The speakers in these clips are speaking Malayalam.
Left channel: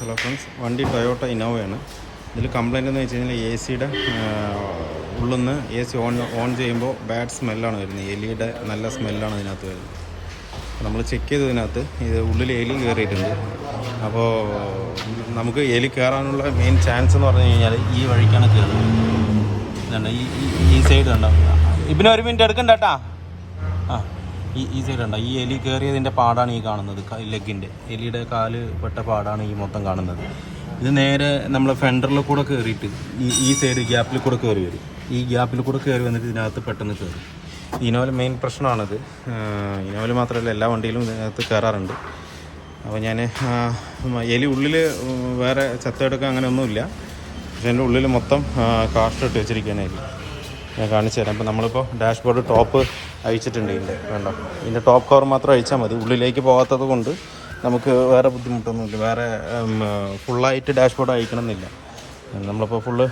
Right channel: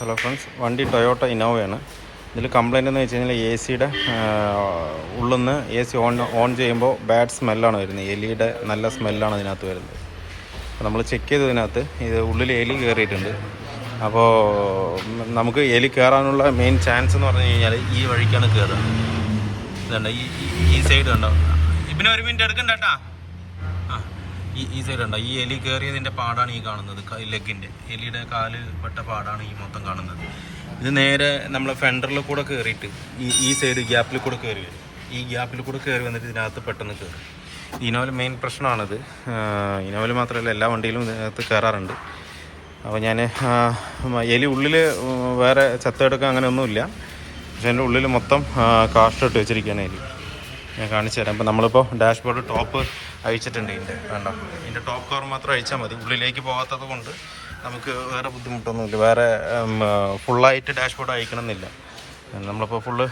ഹലോ ഫ്രണ്ട്സ്, വണ്ടി ടൊയോട്ട ഇന്നോവയാണ്. ഇതിൽ കംപ്ലൈൻറ്റ് എന്ന് വെച്ച് കഴിഞ്ഞാൽ എ സിയുടെ ഉള്ളിൽ നിന്ന് എ സി ഓൺ ചെയ്യുമ്പോൾ ബാഡ് സ്മെല്ലാണ് വരുന്നത്. എലിയുടെ നല്ല സ്മെല്ലാണ് ഇതിനകത്ത് വരുന്നത്. അപ്പോൾ നമ്മൾ ചെക്ക് ചെയ്തതിനകത്ത് ഇത് ഉള്ളിൽ എലി കയറിയിട്ടുണ്ട്. അപ്പോൾ നമുക്ക് എലി കയറാനുള്ള മെയിൻ ചാൻസ് എന്ന് പറഞ്ഞു കഴിഞ്ഞാൽ ഈ വഴിക്കാണ് കയറുന്നത്. ഇതുണ്ട്, ഈ സൈഡ് കണ്ടോ. ഇതിന് ഒരു മിനിറ്റ് എടുക്കണ്ട കേട്ടാ. ഈ സൈഡ് ഉണ്ടോ, ഈ എലി കയറിയതിൻ്റെ പാടാണ് ഈ കാണുന്നത്. ലെഗിൻ്റെ എലിയുടെ കാല് പെട്ട പാടാണ് ഈ മൊത്തം കാണുന്നത്. ഇത് നേരെ നമ്മളെ ഫെൻഡറിൽ കൂടെ കയറിയിട്ട് ഈ സൈഡ് ഗ്യാപ്പിൽ കൂടെ കയറി വരും. ഈ ഗ്യാപ്പിൽ കൂടെ കയറി വന്നിട്ട് ഇതിനകത്ത് പെട്ടെന്ന് കയറും. ഇനോവൽ മെയിൻ പ്രശ്നമാണിത്. ഇനോവൽ മാത്രമല്ല, എല്ലാ വണ്ടിയിലും ഇതിനകത്ത് കയറാറുണ്ട്. അപ്പോൾ ഞാൻ എലി ഉള്ളിൽ വേറെ ചത്തെടുക്കാൻ അങ്ങനെയൊന്നുമില്ല, പക്ഷേ എൻ്റെ ഉള്ളിൽ മൊത്തം കാഷ്ടിട്ട് വെച്ചിരിക്കുകയാണ് എലി. ഞാൻ കാണിച്ചു തരാം. അപ്പോൾ നമ്മളിപ്പോൾ ഡാഷ്ബോർഡ് ടോപ്പ് അഴിച്ചിട്ടുണ്ട്. വേണ്ട, ഇതിൻ്റെ ടോപ്പ് കവർ മാത്രം അഴിച്ചാൽ മതി. ഉള്ളിലേക്ക് പോകാത്തത് കൊണ്ട് നമുക്ക് വേറെ ബുദ്ധിമുട്ടൊന്നുമില്ല. വേറെ ഫുള്ളായിട്ട് ഡാഷ്ബോർഡ് അഴിക്കണമെന്നില്ല. നമ്മളിപ്പോൾ ഫുള്ള്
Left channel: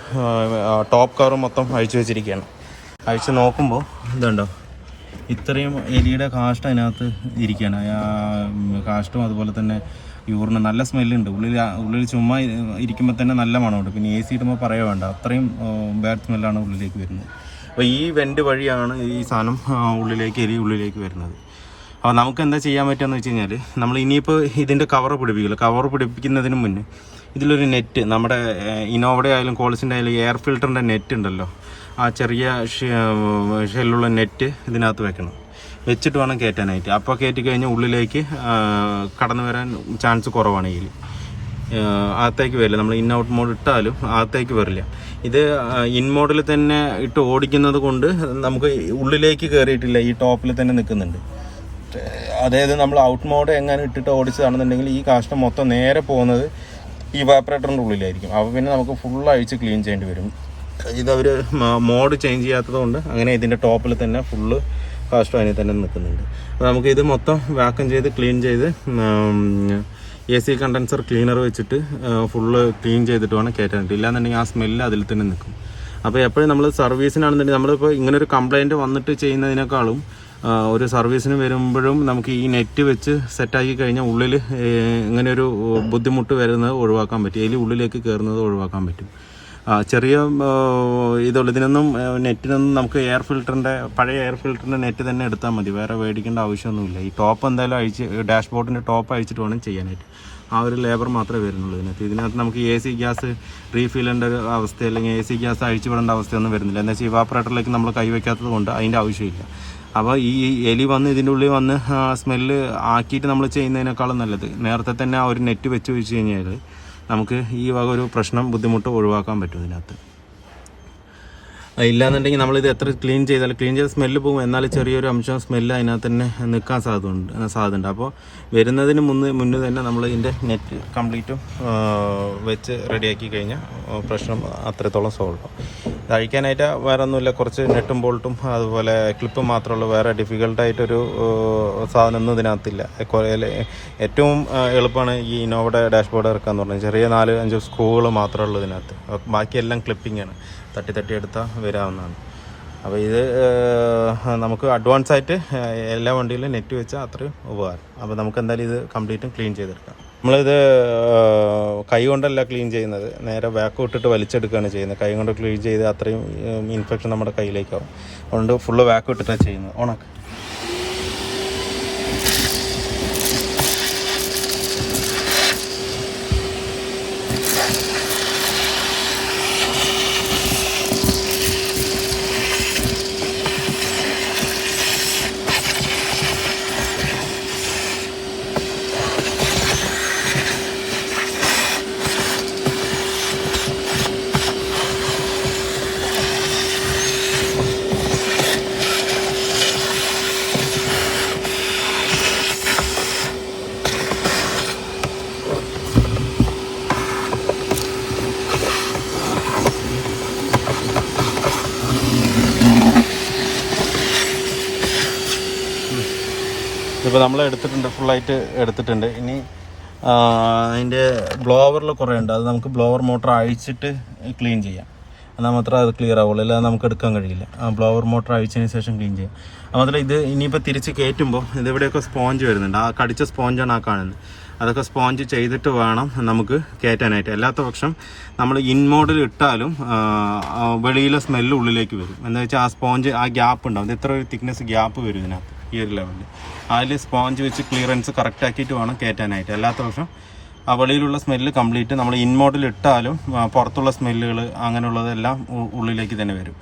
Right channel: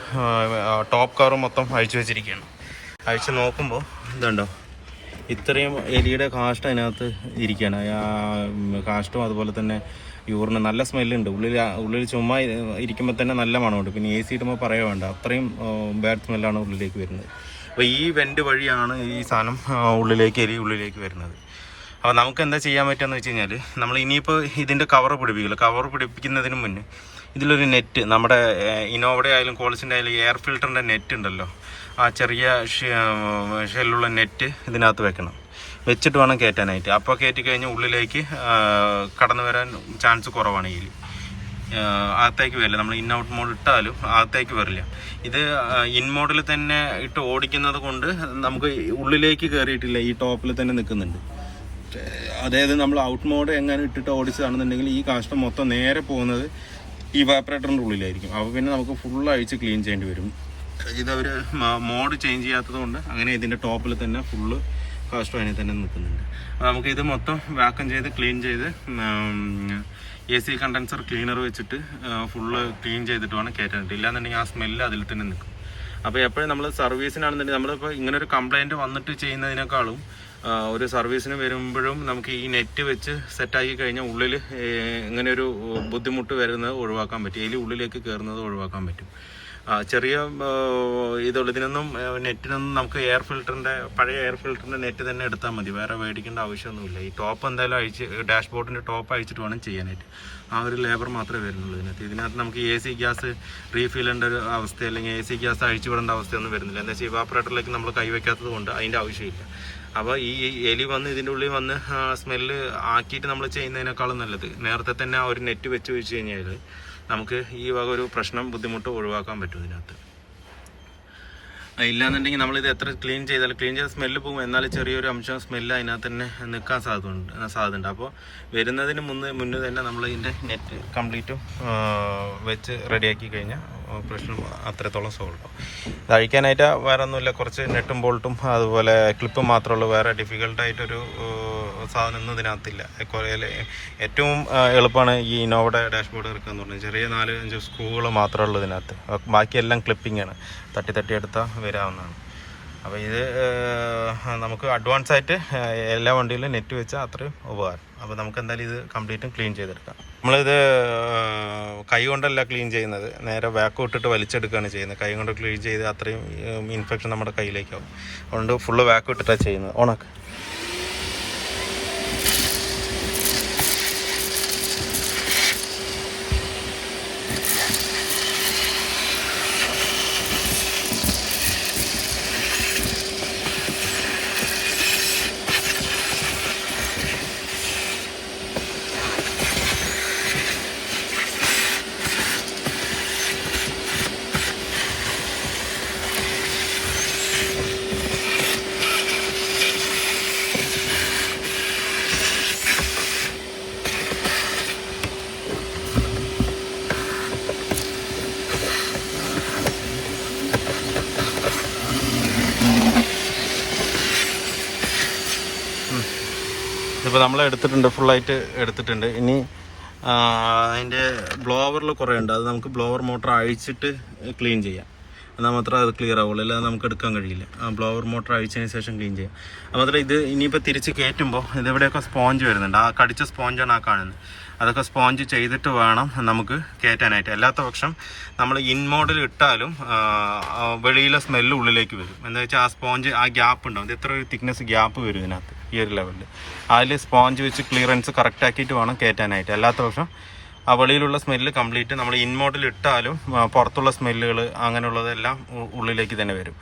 ടോപ്പ് കവർ മൊത്തം അഴിച്ചു വെച്ചിരിക്കുകയാണ്. അഴിച്ച് നോക്കുമ്പോൾ ഇതുണ്ടോ, ഇത്രയും എലിയുടെ കാഷ്ടം അതിനകത്ത് ഇരിക്കുകയാണ്. കാഷ്ടവും അതുപോലെ തന്നെ യൂറിന് നല്ല സ്മെല്ലുണ്ട്. ഉള്ളിൽ ചുമ്മാ ഇരിക്കുമ്പോൾ തന്നെ നല്ല മണമുണ്ട്. പിന്നെ എ സി ഇടുമ്പോൾ പറയുക വേണ്ട, അത്രയും ബാഡ് സ്മെല്ലാണ് ഉള്ളിലേക്ക് വരുന്നത്. അപ്പോൾ ഈ വെൻ്റ് വഴിയാണ് ഈ സാധനം എലി ഉള്ളിലേക്ക് വരുന്നത്. അപ്പോൾ നമുക്ക് എന്താ ചെയ്യാൻ പറ്റുകയെന്ന് വെച്ച് കഴിഞ്ഞാൽ, നമ്മൾ ഇനിയിപ്പോൾ ഇതിൻ്റെ കവർ പിടിപ്പിക്കില്ല. കവർ പിടിപ്പിക്കുന്നതിന് മുന്നേ ഇതിലൊരു നെറ്റ്, നമ്മുടെ ഇന്നോവയുടെ ആയാലും കോളിസിൻ്റെ ആയാലും എയർ ഫിൽറ്ററിൻ്റെ നെറ്റ് ഉണ്ടല്ലോ, ആ ചെറിയ ഷെല്ലുള്ള നെറ്റ് ഇതിനകത്ത് വെക്കണം. വെച്ചിട്ട് വേണം കയറ്റാനായിട്ട്. അപ്പോൾ കയറ്റി കഴിഞ്ഞാൽ ഉള്ളിലേക്ക് കടന്നു വരാൻ ചാൻസ് കുറവാണ്. എലി അകത്തേക്ക് വരില്ല. നമ്മൾ ഇൻ ഔട്ട് മോഡ് ഇട്ടാലും അകത്തേക്ക് വരില്ല. ഇത് ഇൻ മോഡിൽ തന്നെ ഇട്ട് ഓടിക്കുന്നത് കൊണ്ട് നമുക്ക് ഉള്ളിലേക്ക് കയറിയിട്ടില്ല, ഈ ടോപ്പിൽ തന്നെ നിൽക്കുന്നുണ്ട്. അതായത് നമ്മൾ ഔട്ട് മോഡ് എങ്ങനെ ഇട്ടിട്ട് ഓടിച്ചതാണെന്നുണ്ടെങ്കിൽ ഈ കാഷ്ടം മൊത്തം നേരെ പോകുന്നത് ഈ വാപ്പറേറ്ററിൻ്റെ ഉള്ളിലായിരിക്കും. അപ്പോൾ പിന്നെ നമുക്ക് ഫുൾ അഴിച്ച് ക്ലീൻ ചെയ്യേണ്ടി വരും. ഇതവർ മോഡ് ചേഞ്ച് ചെയ്യാത്തത് കൊണ്ട് അങ്ങനെ ഇതിൻ്റെ ടോപ്പിൽ തന്നെ ഫുള്ള് കാഷ്ടം അതിന് തന്നെ നിൽക്കുന്നുണ്ട്. അപ്പോൾ നമുക്ക് ഇത് മൊത്തം വാക്വം ചെയ്ത് ക്ലീൻ ചെയ്ത് എ സി കണ്ടൻസർ ക്ലീനർ വെച്ചിട്ട് ഫുള്ള് ക്ലീൻ ചെയ്തിട്ട് വേണം കയറ്റാനായിട്ട്. ഇല്ലാന്നുണ്ടെങ്കിൽ ആ സ്മെല്ല് അതിൽ തന്നെ നിൽക്കും. അപ്പോൾ എപ്പോഴും നമ്മൾ സർവീസിനാണെന്നുണ്ടെങ്കിൽ നമ്മളിപ്പോൾ ഇങ്ങനൊരു കംപ്ലയിൻറ്റ് വന്നിട്ട് ചെയ്യുന്നതിനേക്കാളും ഒരു സർവീസിന് വരുമ്പോഴും നമുക്ക് ഈ നെറ്റ് വെച്ച് സെറ്റാക്കി കഴിഞ്ഞാൽ ഉള്ളിൽ ഇങ്ങനെയൊരു ബുദ്ധിമുട്ട് വരുന്നത് ഒഴിവാക്കാൻ പറ്റും. എലി ഉള്ളിലേക്ക് കയറുന്നത് ഒഴിവാക്കാൻ പറ്റും. ചെറിയ ഇതുള്ളൂ. ഇതിനൊന്നും നെറ്റിനൊന്നും നമുക്ക് പഴയ എയർ ഫിൽറ്ററിൻ്റെ നെറ്റ് തന്നെ എടുത്താൽ മതി. വേറെ മേടിക്കേണ്ട ആവശ്യമൊന്നുമില്ല. ഈ ടോപ്പ് എന്തായാലും അഴിച്ച് ഡാഷ്ബോർഡിൻ്റെ ടോപ്പ് അഴിച്ചിട്ട് വേണം ചെയ്യാനായിട്ട്. ആ ഒരു ലേബർ മാത്രമേ വരുന്നുള്ളൂ ഇതിനകത്ത് നമുക്ക് എ സി ഗ്യാസ് റീഫിൽ ചെയ്യേണ്ട ഒരു അവസ്ഥ, അല്ലെങ്കിൽ എ സി ഗ്യാസ് അഴിച്ചു വിടേണ്ട അവസ്ഥയൊന്നും വരുന്നില്ല. എന്ന് വെച്ചാൽ ഇവാപ്പറേറ്ററിലേക്ക് നമ്മൾ കൈവയ്ക്കാത്തത് കൊണ്ട് അതിൻ്റെ ആവശ്യമില്ല. അപ്പോൾ ഈ എലി വന്ന് ഇതിൻ്റെ ഉള്ളിൽ വന്ന് സ്മെല്ല് ആക്കിയിട്ട് നമ്മൾ ചെയ്യുന്നതിനേക്കാളും നല്ലത് നേരത്തെ തന്നെ ആ ഒരു നെറ്റ് വെച്ച് കഴിഞ്ഞാൽ നമുക്ക് ഈ വക ഒരു ബുദ്ധിമുട്ട് ഒഴിവാക്കാൻ പറ്റും ഇതിനകത്ത്. ഇല്ലാന്നുണ്ടെങ്കിൽ നമ്മളിത് എത്ര ക്ലീൻ ചെയ്ത് സ്മെല്ല് പോകും. എന്നാലും ചെറിയൊരു അംശം സ്മെല്ല് അതിനകത്ത് തന്നെ നിൽക്കാൻ സാധ്യതയുണ്ട്. അപ്പോൾ വരുന്നതിന് മുന്നേ തന്നെ നമ്മൾ ഇതിൻ്റെ നെറ്റ് കംപ്ലീറ്റും വെച്ച് റെഡിയാക്കി കഴിഞ്ഞാൽ പ്രശ്നം അത്രത്തോളം സോൾവ് ആവും. ഇത് അഴിക്കാനായിട്ട് വേറെ ഒന്നുമില്ല. കുറച്ച് നെട്ടും ബോൾട്ടും അതുപോലെ ക്ലിപ്പും മാത്രമേ ഉള്ളൂ. വേറെ ഡിഫിക്കൽട്ടായിട്ടൊരു സാധനമൊന്നും ഇതിനകത്തില്ല. ഏറ്റവും എളുപ്പമാണ് ഈ ഇന്നോവയുടെ ഡാഷ്ബോർഡ് ഇറക്കാന്ന് പറഞ്ഞാൽ. ചെറിയ 4-5 സ്ക്രൂകൾ മാത്രമേ ഉള്ളൂ ഇതിനകത്ത്. ബാക്കിയെല്ലാം ക്ലിപ്പിങ്ങാണ്, തട്ടി എടുത്താൽ വരാവുന്നതാണ്. അപ്പോൾ ഇത് നമുക്ക് അഡ്വാൻസ് ആയിട്ട് എല്ലാ വണ്ടിയിലും നെറ്റ് വെച്ചാൽ അത്രയും ഉപകാരം. അപ്പോൾ നമുക്ക് എന്തായാലും ഇത് കംപ്ലീറ്റും ക്ലീൻ ചെയ്തെടുക്കാം. നമ്മളിത് കൈ കൊണ്ടല്ല ക്ലീൻ ചെയ്യുന്നത്, നേരെ വാക്വം ഇട്ടിട്ട് വലിച്ചെടുക്കുകയാണ് ചെയ്യുന്നത്. കൈ കൊണ്ട് ക്ലീൻ ചെയ്ത് അത്രയും ഇൻഫെക്ഷൻ നമ്മുടെ കയ്യിലേക്കാവും. അതുകൊണ്ട് ഫുള്ള് വാക്വം ഇട്ടിട്ടാണ് ചെയ്യുന്നത്. ഓണാക്ക്. ഇപ്പോൾ നമ്മൾ ഫുള്ളായിട്ട് എടുത്തിട്ടുണ്ട്. ഇനി അതിൻ്റെ ബ്ലോവറിൽ കുറേ ഉണ്ട്. അത് നമുക്ക് ബ്ലോവർ മോട്ടർ അഴിച്ചിട്ട് ക്ലീൻ ചെയ്യാം. എന്നാൽ മാത്രമേ അത് ക്ലിയർ ആവുള്ളൂ, അല്ലാതെ നമുക്ക് എടുക്കാൻ കഴിയില്ല. ആ ബ്ലോവർ മോട്ടർ അഴിച്ചതിന് ശേഷം ക്ലീൻ ചെയ്യാം. അത് മാത്രമല്ല ഇത് ഇനിയിപ്പോൾ തിരിച്ച് കയറ്റുമ്പോൾ ഇതിവിടെയൊക്കെ സ്പോഞ്ച് വരുന്നുണ്ട്. ആ കടിച്ച സ്പോഞ്ചാണ് ആ കാണുന്നത്. അതൊക്കെ സ്പോഞ്ച് ചെയ്തിട്ട് വേണം നമുക്ക് കയറ്റാനായിട്ട്. അല്ലാത്ത പക്ഷം നമ്മൾ ഇൻ മോഡിൽ ഇട്ടാലും വെളിയിലെ സ്മെല്ല് ഉള്ളിലേക്ക് വരും. എന്താ വെച്ചാൽ ആ സ്പോഞ്ച് ആ ഗ്യാപ്പ് ഉണ്ടാവും. ഇത്ര ഒരു തിക്നെസ് ഗ്യാപ്പ് വരും ഇതിനകത്ത്, ഈ ഒരു ലെവലിൽ. അതിൽ സ്പോഞ്ച് വെച്ച് ക്ലിയറൻസ് കറക്റ്റ് ആക്കിയിട്ട് വേണം കയറ്റാനായിട്ട്. അല്ലാത്ത പക്ഷം ആ വെളിയിലുള്ള സ്മെല്ല് കംപ്ലീറ്റ് നമ്മൾ ഇൻ മോഡിൽ ഇട്ടാലും പുറത്തുള്ള സ്മെല്ലുകൾ അങ്ങനെയുള്ളതെല്ലാം ഉള്ളിലേക്ക് തന്നെ വരും.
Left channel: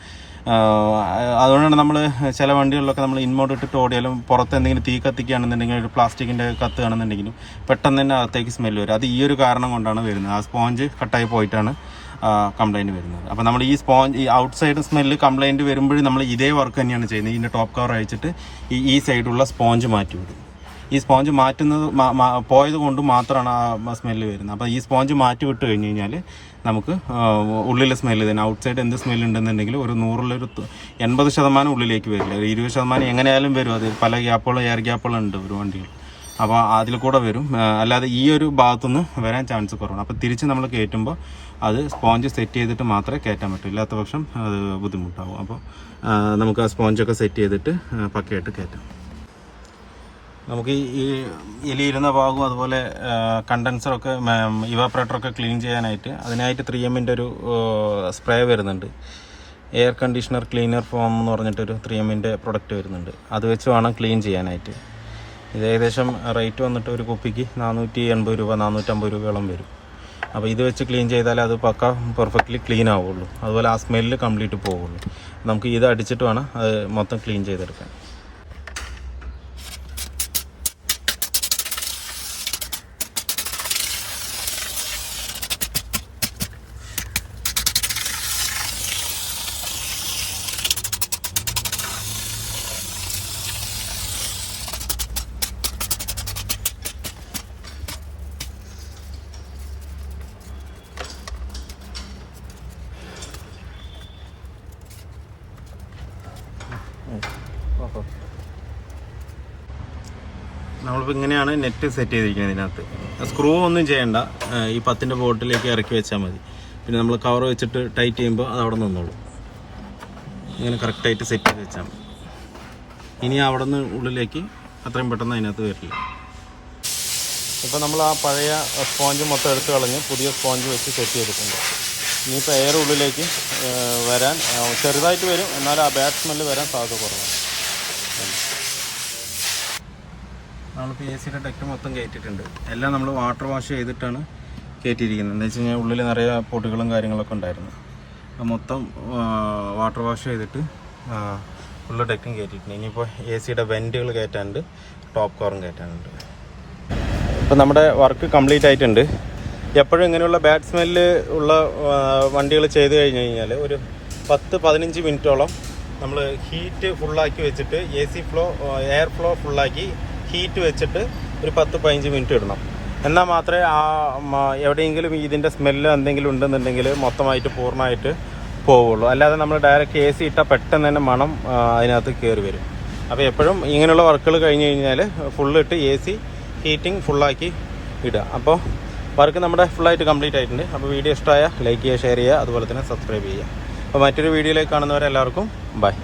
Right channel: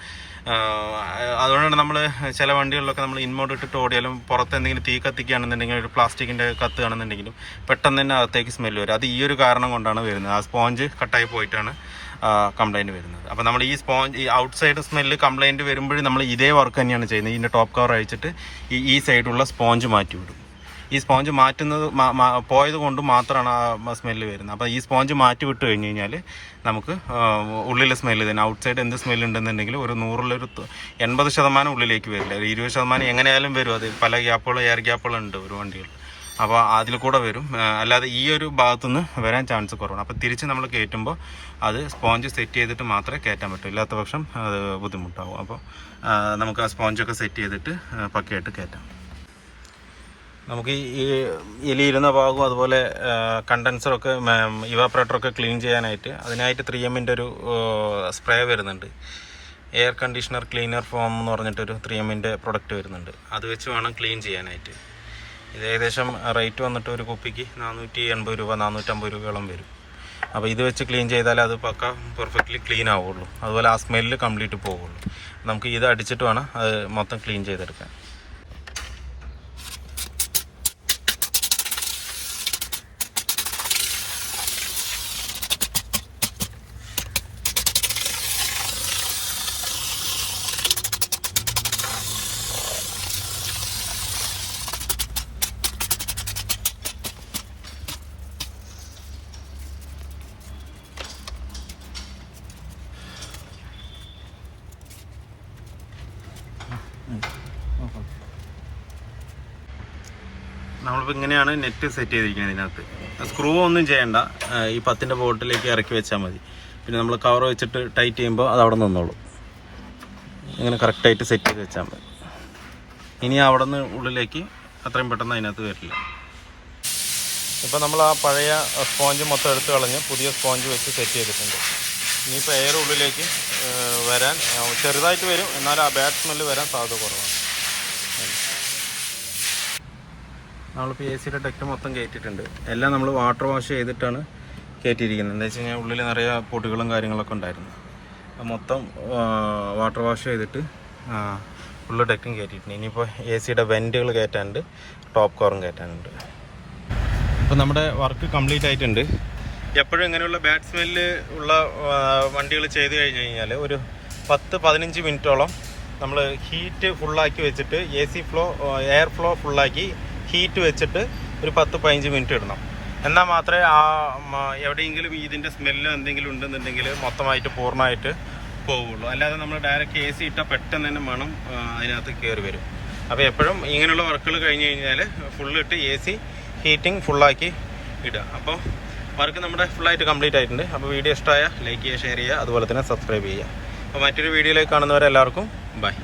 അതുകൊണ്ടാണ് നമ്മൾ ചില വണ്ടികളിലൊക്കെ നമ്മൾ ഇൻമോഡ് ഇട്ടിട്ട് ഓടിയാലും പുറത്ത് എന്തെങ്കിലും തീ കത്തിക്കുകയാണെന്നുണ്ടെങ്കിൽ ഒരു പ്ലാസ്റ്റിക്കിൻ്റെ കത്തുകയാണെന്നുണ്ടെങ്കിലും പെട്ടെന്ന് തന്നെ അകത്തേക്ക് സ്മെല്ല് വരും. അത് ഈ ഒരു കാരണം കൊണ്ടാണ് വരുന്നത്. ആ സ്പോഞ്ച് കട്ടായി പോയിട്ടാണ് കംപ്ലൈൻറ്റ് വരുന്നത്. അപ്പോൾ നമ്മൾ ഈ സ്പോഞ്ച് ഈ ഔട്ട് സൈഡ് സ്മെല്ല് കംപ്ലൈൻറ്റ് വരുമ്പോഴും നമ്മൾ ഇതേ വർക്ക് തന്നെയാണ് ചെയ്യുന്നത്. ഇതിൻ്റെ ടോപ്പ് കവർ അഴിച്ചിട്ട് ഈ സൈഡുള്ള സ്പോഞ്ച് മാറ്റി വിടും. ഈ സ്പോഞ്ച് മാറ്റുന്നത് പോയത് കൊണ്ട് മാത്രമാണ് ആ സ്മെല്ല് വരുന്നത്. അപ്പോൾ ഈ സ്പോഞ്ച് മാറ്റി വിട്ട് കഴിഞ്ഞ് കഴിഞ്ഞാൽ നമുക്ക് ഉള്ളിലെ സ്മെല്ല് തന്നെ ഔട്ട് സൈഡ് എന്ത് സ്മെല്ല് ഉണ്ടെന്നുണ്ടെങ്കിൽ ഒരു 100-ൽ 80% ഉള്ളിലേക്ക് വരില്ല. ഒരു 20% എങ്ങനെയായാലും വരും. അത് പല ഗ്യാപ്പുകളും എയർ ഗ്യാപ്പുകളും ഉണ്ട് ഒരു വണ്ടികൾ. അപ്പോൾ അതിൽ കൂടെ വരും. അല്ലാതെ ഈ ഒരു ഭാഗത്തുനിന്ന് വരാൻ ചാൻസ് കുറവാണ്. അപ്പോൾ തിരിച്ച് നമ്മൾ കയറ്റുമ്പോൾ അത് സ്പോഞ്ച് സെറ്റ് ചെയ്തിട്ട് മാത്രമേ കയറ്റാൻ പറ്റൂ. ഇല്ലാത്ത പക്ഷം അത് ബുദ്ധിമുട്ടാവും. അപ്പോൾ നമുക്ക് ആ സ്പോഞ്ചൊക്കെ സെറ്റ് ചെയ്തിട്ട് പക്കയായിട്ട് കയറ്റാം. നമുക്ക് ഈ എലിയിരുന്ന ഭാഗവും അതുപോലെ കണ്ടൻസറൊക്കെ ഇവാപ്പറേറ്ററൊക്കെ ക്ലീൻ ചെയ്യാനായിട്ട് അതിനായിട്ട് 3M ഒരു സ്പ്രേ വരുന്നുണ്ട്. എയർ കണ്ടീഷണർ ക്ലീനർ ഫോം എന്ന് പറഞ്ഞിട്ടൊരു 3M പ്രൊഡക്റ്റ് വരുന്നുണ്ട്. അത് വെച്ച് വേണം ക്ലീൻ ചെയ്യാനായിട്ട്. ഇത് ഏകദേശം റേറ്റ് വന്നിട്ട് ഒരു കുപ്പിക്ക് 480 രൂപ 450 രൂപയോളം വരും. അപ്പോൾ ഇത് വെച്ച് ക്ലീൻ ചെയ്താൽ അത് പക്ക പെർഫെക്റ്റ്ലി ക്ലീൻ ആവുള്ളൂ. അതുപോലെ ആ സ്മെല്ല് കംപ്ലീറ്റ് പോവുള്ളൂ. നമുക്ക് ഇത് അടിച്ചിട്ട് വേണം അത് മൊത്തം ക്ലീൻ ചെയ്തെടുക്കാൻ. നമ്മളിപ്പോൾ ഇങ്ങനെയാണ് നെറ്റ് സെറ്റ് ചെയ്തിരിക്കുന്നത്. ഇതിനകത്ത് സ്ക്രൂ ഒന്നും ചെയ്യേണ്ട. ഈ 10-ൻ്റെ ബോട്ടിലേക്ക് ഇറക്കി വെച്ചാൽ മതി. പിന്നെ നമ്മൾ കവർ വെച്ചിട്ട് ടൈറ്റ് ചെയ്യുമ്പോൾ അത് അവിടെ നിന്നോളും. ഇങ്ങനെ കറക്റ്റായിട്ട് സെറ്റ് ചെയ്ത് വെച്ചാൽ മതി. ഇനി അവിടെ നിന്ന് ഉള്ളിലേക്ക് അത്രയും പെട്ടെന്ന് അതിനകത്ത് വരില്ല. ഇപ്പോൾ നമ്മൾ ആ പഴയ സ്പോഞ്ച് മൊത്തം എടുത്ത് കളഞ്ഞ് പുതിയ സ്പോഞ്ച് വെച്ച് സെറ്റ് ചെയ്തിട്ടുണ്ട്. ഇനിയിപ്പോൾ എയർ ഉള്ളിലേക്ക് വരാൻ ചെറുതായിട്ട് വരും. എന്നാൽ ആ ബാഡ് സ്മെല്ല് വരാൻ സാധ്യത കുറവാണ്. നമ്മളിപ്പോൾ AC-യുടെ ഡക്റ്റ് മൊത്തം കയറ്റിയിട്ടുണ്ട്. എല്ലാം നമ്മൾ വാട്ടർ വാഷ് ചെയ്തിട്ടാണ് കയറ്റിയിരിക്കുന്നത്. എന്താ വെച്ച് കഴിഞ്ഞാൽ ഉള്ളിൽ നിറയെ പൊടികളും കാര്യങ്ങളൊക്കെ ഉണ്ടായിരുന്നു. അത് മൊത്തം വാട്ടർ വാഷ് ചെയ്തിട്ട് ഉള്ള ഡക്റ്റും കയറ്റിയിട്ടുണ്ട്. ഇനിയിപ്പോൾ AC-യുടെ വെൻറ്റുകൾ കയറ്റാനുണ്ട്, ടോപ്പ് കവറും കയറ്റാനുണ്ട്. ഇപ്പം നമ്മുടെ വർക്ക് കംപ്ലീറ്റ് ആയിട്ടുണ്ട്. എപ്പോഴും ഇങ്ങനെയുള്ള ബാഡ് സ്മെല്ല് ഉള്ള വണ്ടികൾ ചെയ്ത് കഴിഞ്ഞ് കഴിഞ്ഞാൽ ഒരു 10-15 മിനിറ്റോളം നമ്മൾ ഹീറ്റ് ഫുള്ളാക്കി വെച്ചിട്ട് എയർ ഫ്ലോ ഫുള്ളാക്കി ഹീറ്റ് വെച്ചിട്ട് ഒരു 10-15 മിനിറ്റ് ഇടണം. എന്നാൽ മാത്രമേ എവിടെയെങ്കിലും ഇതിൻ്റെ സ്മെല്ല് എന്തെങ്കിലും ഉണ്ടെന്നുണ്ടെങ്കിൽ മൊത്തമായിട്ട് പൂർണ്ണമായിട്ട് പോവുള്ളൂ. അല്ലാതെ നമ്മൾ ഡയറക്റ്റ് AC ഇട്ടാൽ പെട്ടെന്ന് തന്നെ മണം അതിനകത്ത് കയറി വരും. അപ്പോൾ എപ്പോഴും ഇങ്ങനെയുള്ള വർക്കുകൾ കഴിഞ്ഞ് കഴിഞ്ഞാൽ ഫുള്ളിട്ട് AC ഹീറ്റിംഗ് ഫുള്ളാക്കി ഇടുക. അപ്പോൾ വർക്ക് നമ്മുടെ ഫുള്ളായിട്ട് കംപ്ലീറ്റ് ആയിട്ടുണ്ട്. അപ്പോൾ വീഡിയോ ഇഷ്ടമായ ലൈക്ക് ചെയ്യുക, ഷെയർ ചെയ്യുക, അതുപോലെ തന്നെ സബ്സ്ക്രൈബ് ചെയ്യുക. അപ്പോൾ മറ്റൊരു വീഡിയോയിലേക്ക് കാണുന്നവരെല്ലാവർക്കും ബൈ.